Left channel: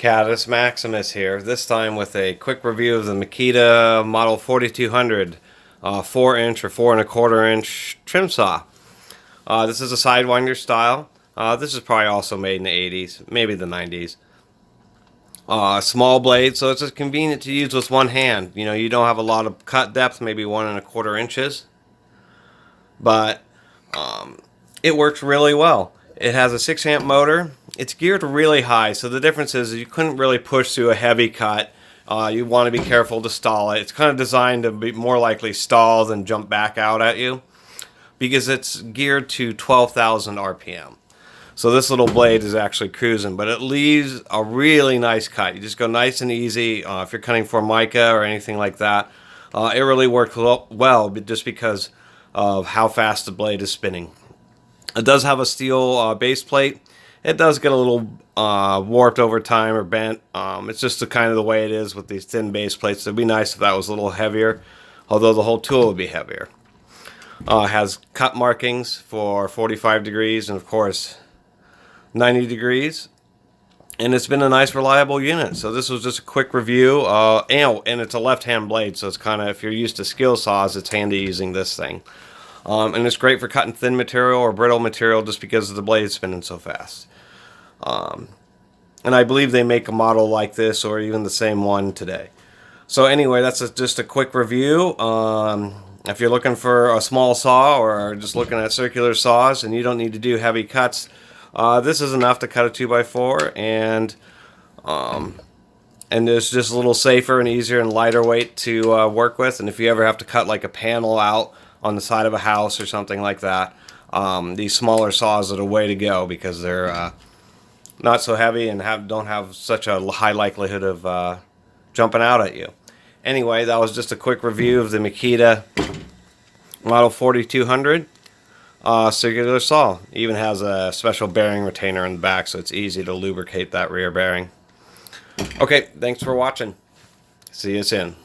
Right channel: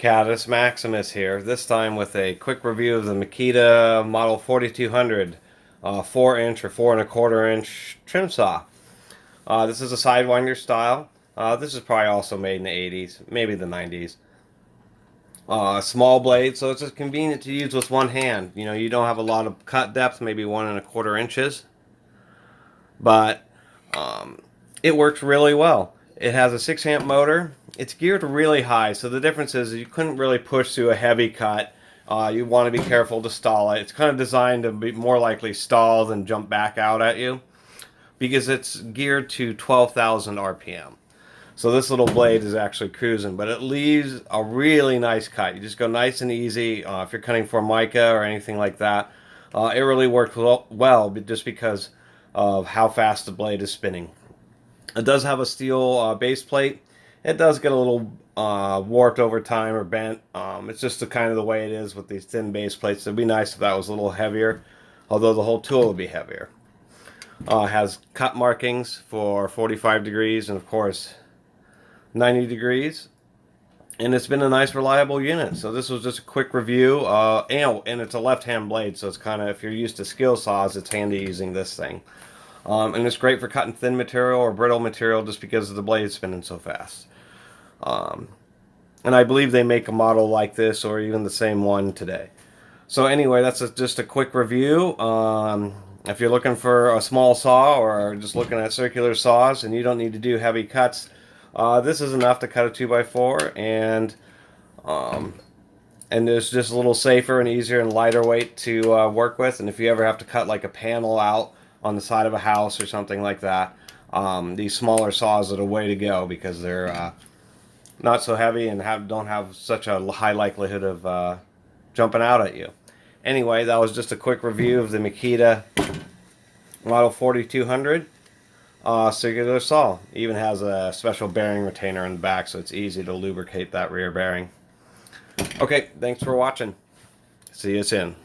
Catus Maximus here, this time with a quick review of the Makita Model 4200 4-inch or 4 1/4 inch trim saw. This is a Sidewinder style. This is probably also made in the 80s, maybe the 90s. Small blade, so it's just convenient to use with one hand. You know, you don't have a lot of cut depth, maybe 1 1/4 inches, but it works really well. It has a 6-amp motor. It's geared really high, so the difference is you couldn't really push through a heavy cut. You want to be careful to stall it. It's kind of designed to be more likely stall than jump back out at you, because it's geared to 12,000 RPM. So this little blade is actually cruising, but it leaves a really nice cut. You just go nice and easy. If you're cutting Formica or anything like that, it really works well just because of how fast the blade is spinning. It does have a steel base plate. It does get a little warped over time or bent. It's just the kind of the way it is with these thin base plates. It'd be nice if that was a little heavier, although the whole tool would be heavier. It has cut markings for 45 degrees and of course 90 degrees. And it's been a nice reliable unit. So this was just a quick review. And it's a left-hand blade, so it's kind of, if you're used to skill saws, it's handy using this thing. And it's great for cutting thin material or brittle material just because of the blade spinning so fast. And I believe they make a model like this or even the same one today. So anyway, that's just a quick review. If you're looking for a small saw or just looking at circular saws and you don't need to do heavy cuts, this is enough to cut a 2x4, and it's just a little safer and easier and lighter weight to work with. And if you ever have to cut like a panel out on the side of a house or something like that, these smaller saws are the way to go because they're not so heavy and don't have such a high likelihood of jumping out at you. Anyway, that was just a quick review of the Makita Model 4200 circular saw. It even has a special bearing retainer in the back, so it's easy to lubricate that rear bearing. Okay, thanks for watching. See you soon.